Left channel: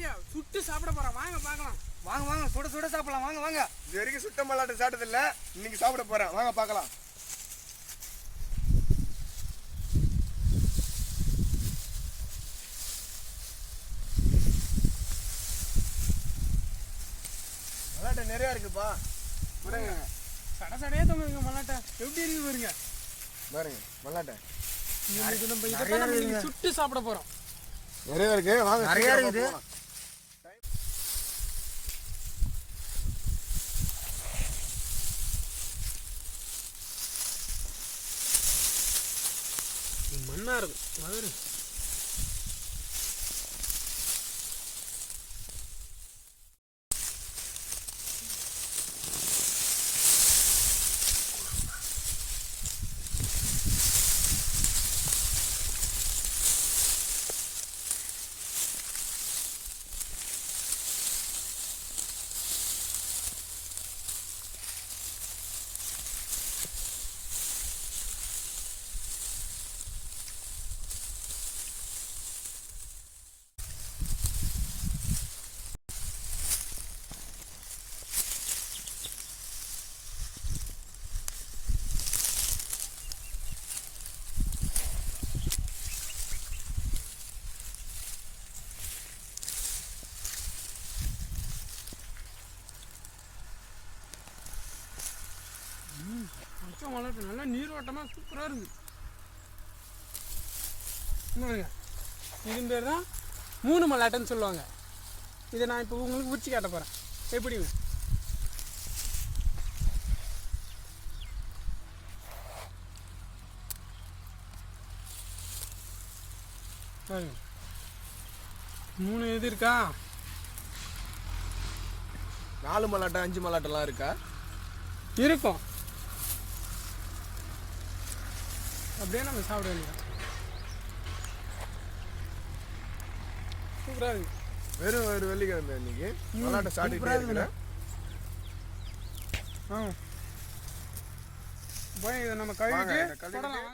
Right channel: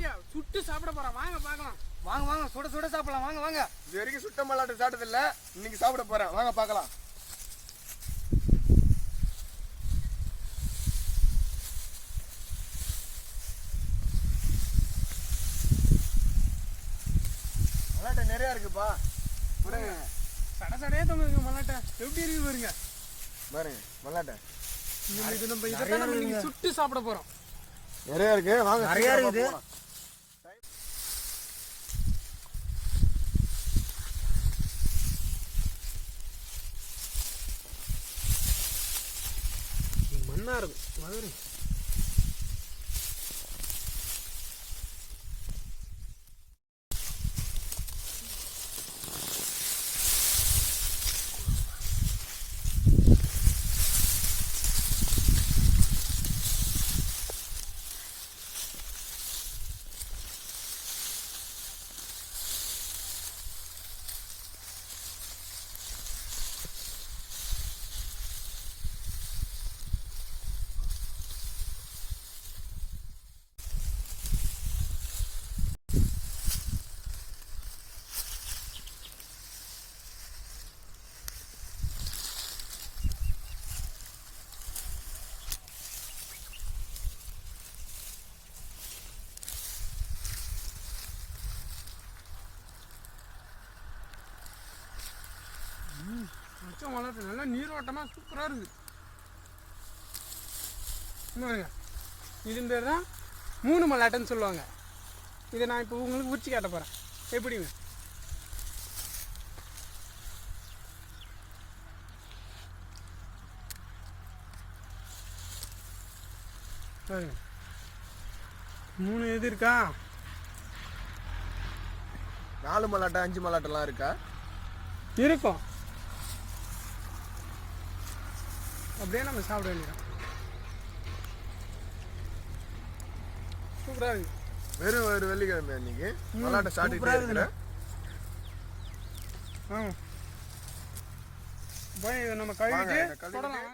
மல்லாட்டியா சுட்டு சாப்பிட போறோம், வாங்க பார்க்கலாம். வாங்க வாங்க, சுட சுட சாப்பிடலாம், வாங்க வாங்க. இது வரைக்கும் சுட்ட மல்லாட்டை சாப்பிட்டதில்ல, இன்னைக்கு சாப்பிட போறேன், வாங்க பார்க்கலாம். மல்லாட்டை நிறைய இருக்குப்பா, பாருங்க. சட சடையே தொங்குங்க மல்லாட்டை, எப்படி இருக்கு பாருங்க. பாருங்க மல்லாட்டை இது நம்ம இதைத்தான் நம்ம இன்னைக்கு சுட்டு சாப்பிட போறோம். நிறைய இருக்கு, வாங்க. நிறைய இருக்குது. மண்ணா இருக்கும் மதுரை. மல்லாட்டை நல்லா நீரோட்டமா சூப்பரா இருக்கு. இது பேர் தான் 3 மல்லாட்டைன்னு சொல்லுவாங்க. இதை நான் இப்போ உங்களுக்கு உரிச்சு காட்ட போறேன். எப்படிங்க பாருங்க, 3 இது இருக்கா, 4 மல்லாட்டை 5 மல்லாட்டெல்லாம் இருக்கா? இருக்கும். அப்படியே நம்ம சாப்பிட வேண்டியதான். சூப்பரா இருக்கு. வெறும் ஒரு வெள்ளிக்கிழமை இன்னைக்கு மல்லாட்டை சாப்பிட்டுக்கிட்டே இருக்கிறேன். இதை நம்ம கழுவிட்டு தொடலாம்.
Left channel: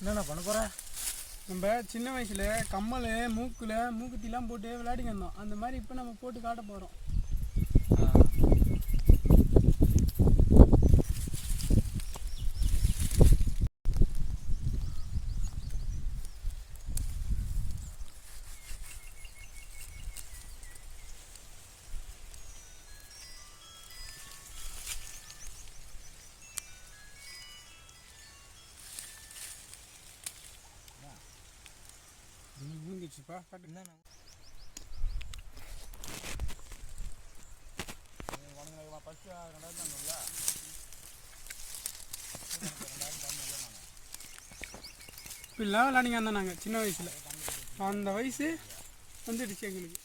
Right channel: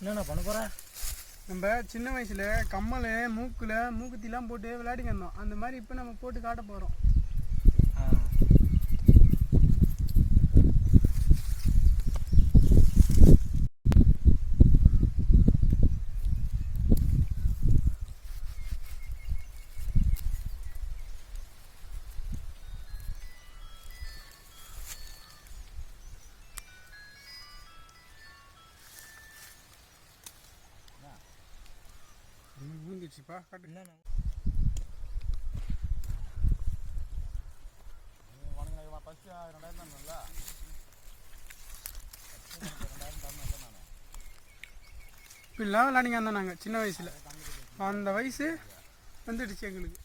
என்னென்ன பண்ண போகிறோம்? நம்ம சின்ன வயசில் கம்மல் மூக்கில் மூக்குத்திலாம் போட்டு விளையாடிங்க இருந்தோம். அந்த மாதிரி இப்போ நம்ம போட்டு காட்ட போகிறோம். மூங்கிடுச்சுப்பா, காட்டு. இப்படிலாம் விளையாடிங்க இருந்தோம் நாங்கள் சின்ன வயசில். அந்த வயசு வந்துடுச்சு எங்களுக்கு.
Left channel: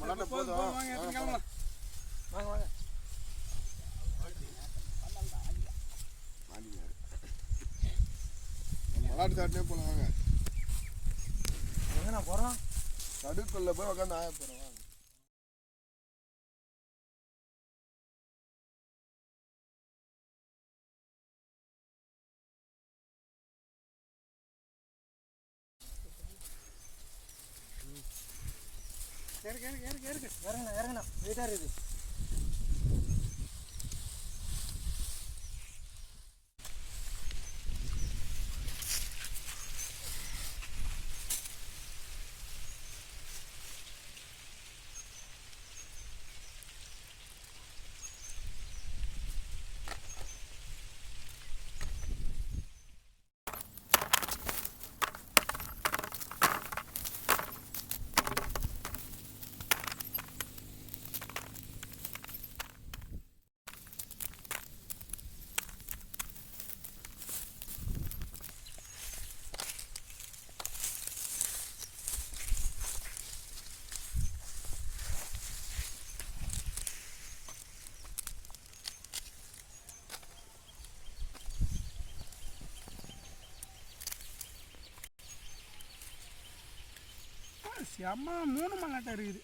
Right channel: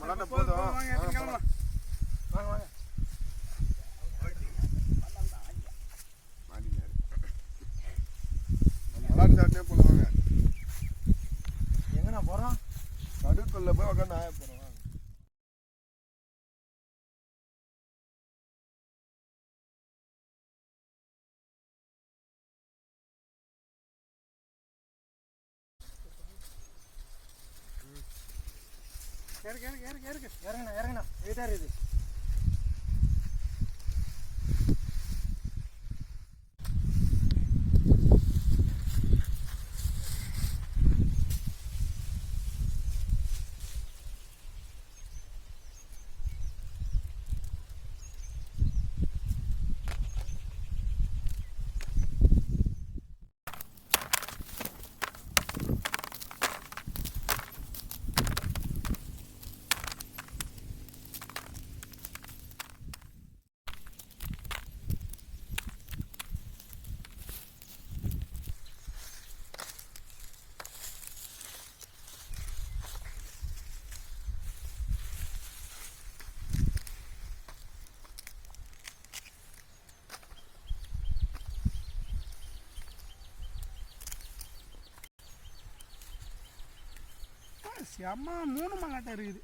மல்லாட்டை போதும், வாங்க கிளம்பலாம். வாங்க வாங்க. மல்லாட்டை சாப்பிட்டே போல, வாங்க. எங்கண்ணா போகிறோம்? நடுக்குள்ள போய் உட்காந்து ஆய போறோம். இறங்கண்ணா இறங்கண்ணா, வெயிட்டாக இருக்குது. அம்மா 3 மல்லாட்டை இருக்குது.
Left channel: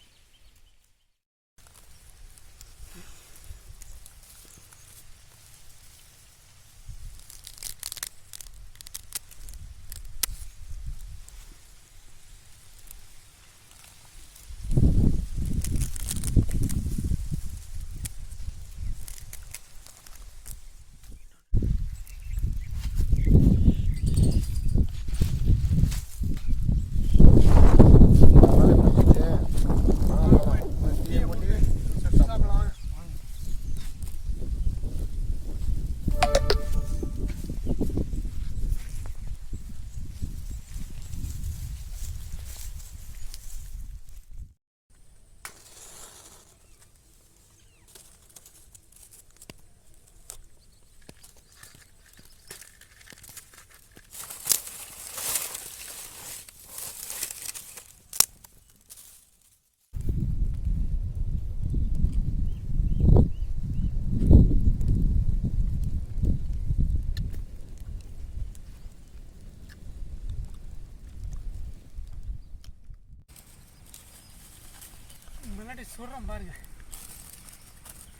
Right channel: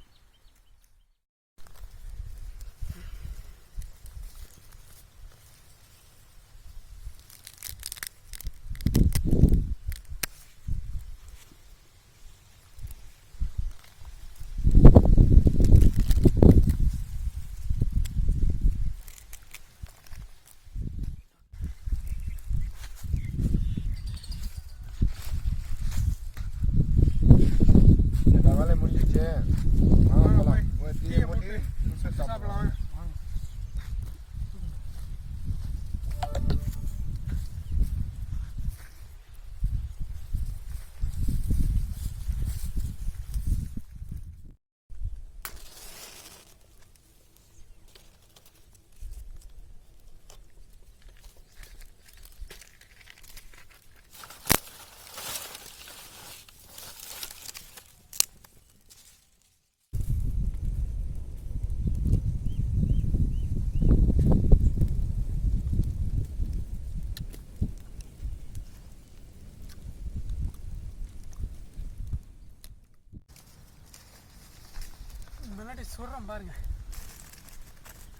மல்லாட்டை சொல்கிறேன் பாருங்க.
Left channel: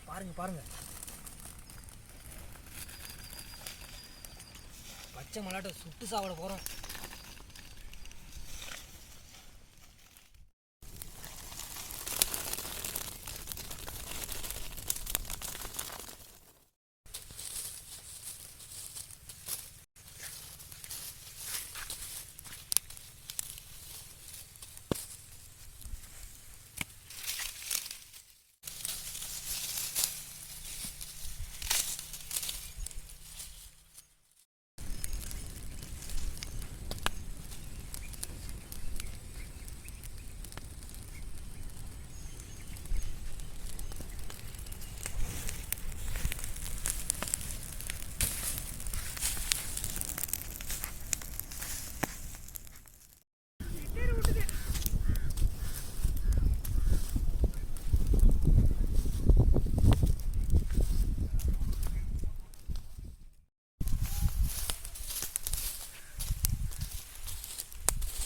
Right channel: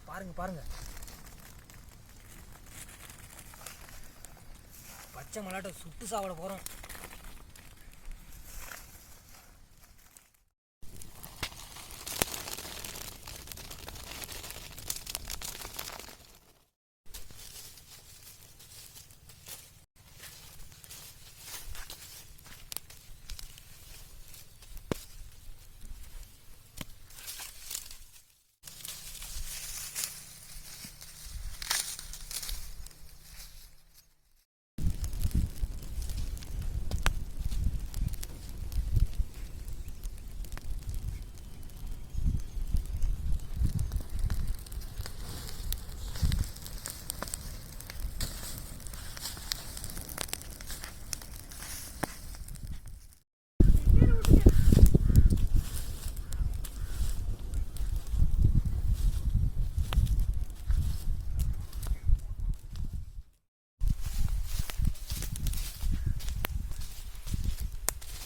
பாருங்க பச்சை மல்லாட்டை சுட்டு சாப்பிட போகிறோம்.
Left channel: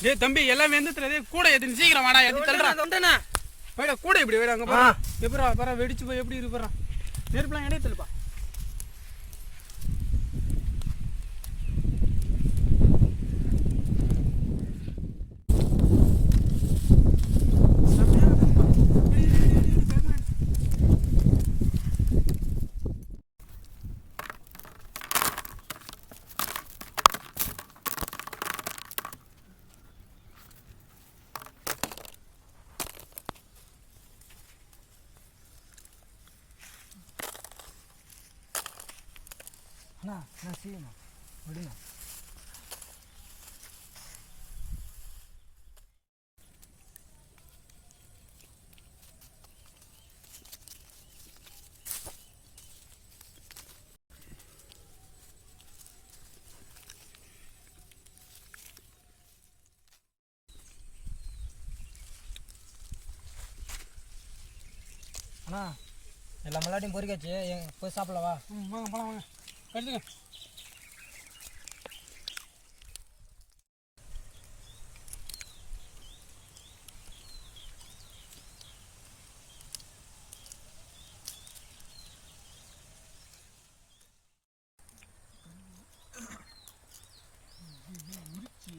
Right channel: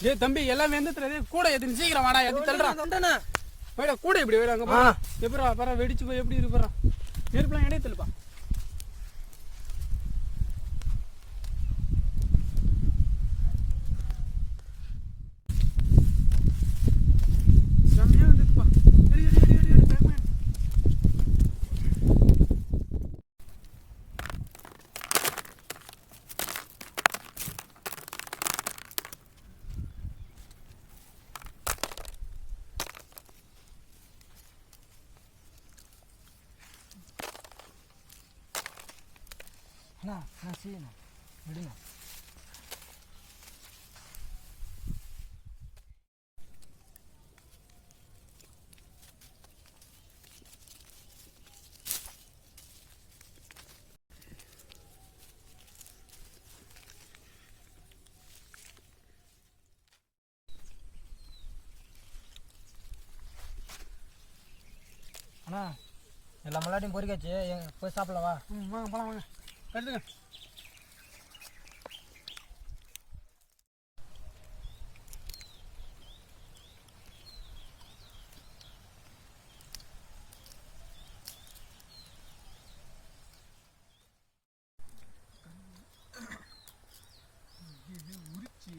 டேய் தம்பி எல்லாம் வெந்ததுல கூட எது சீக்கிரம் வாடா எது தள்ளுறா போய்டா கூட இப்படி போய்டா அங்கே போகிறா எப்படா பரா வெடிச்சு போய் எப்படி இருக்கு போகிறான் நெருப்புலாம் இடையே தள்ளுப்பா. அண்ணா நான் செய்யண்ணா விடுண்ணா. அண்ணா எல்லா மல்லாட்டையும் பொறிக்காச்சு போய் சாப்பிடலவா? வாங்க போகலாம் வாங்க எடுத்துக்க. உரிச்சு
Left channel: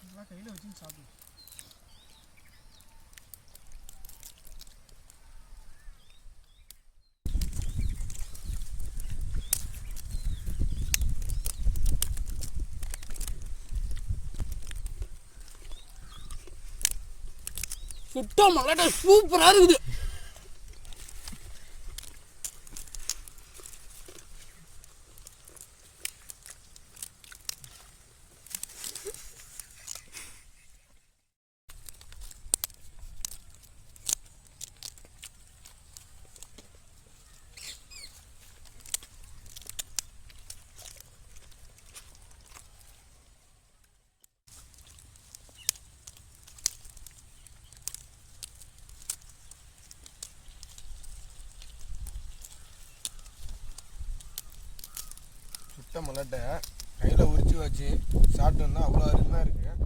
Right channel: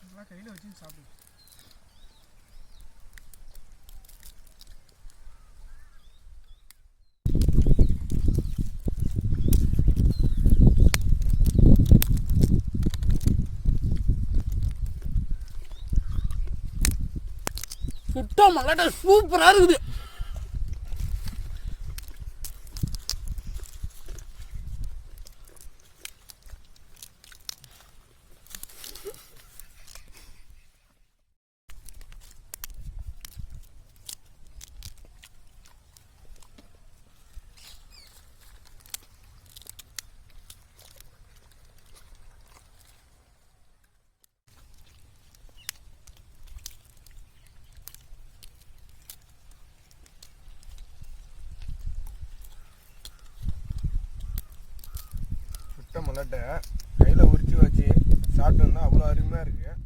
இதெல்லாம் கையில் வச்சு சாப்பிடு. சுட்ட மல்லாட்டை சூப்பராக இருக்குது. மல்லாட்டை கையில் உரிச்சு வச்சு சாப்பிட்டோம்னா அவ்வளோ அருமையாக இருக்குது.